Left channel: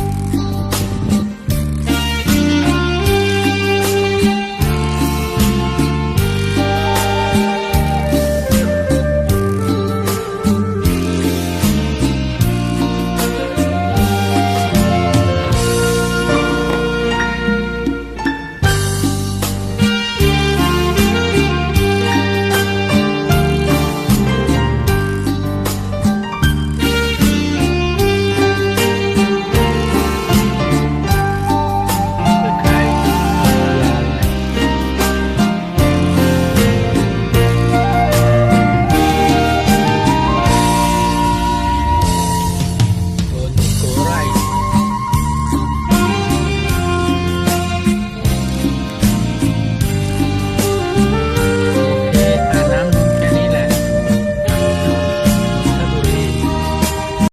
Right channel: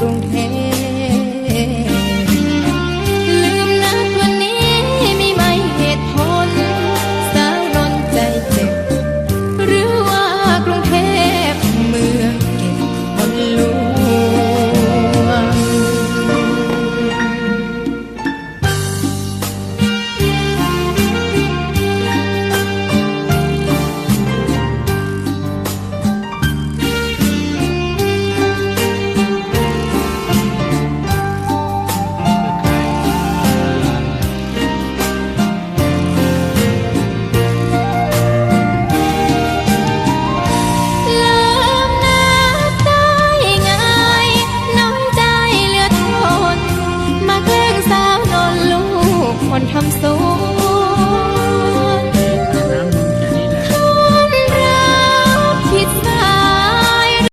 冬天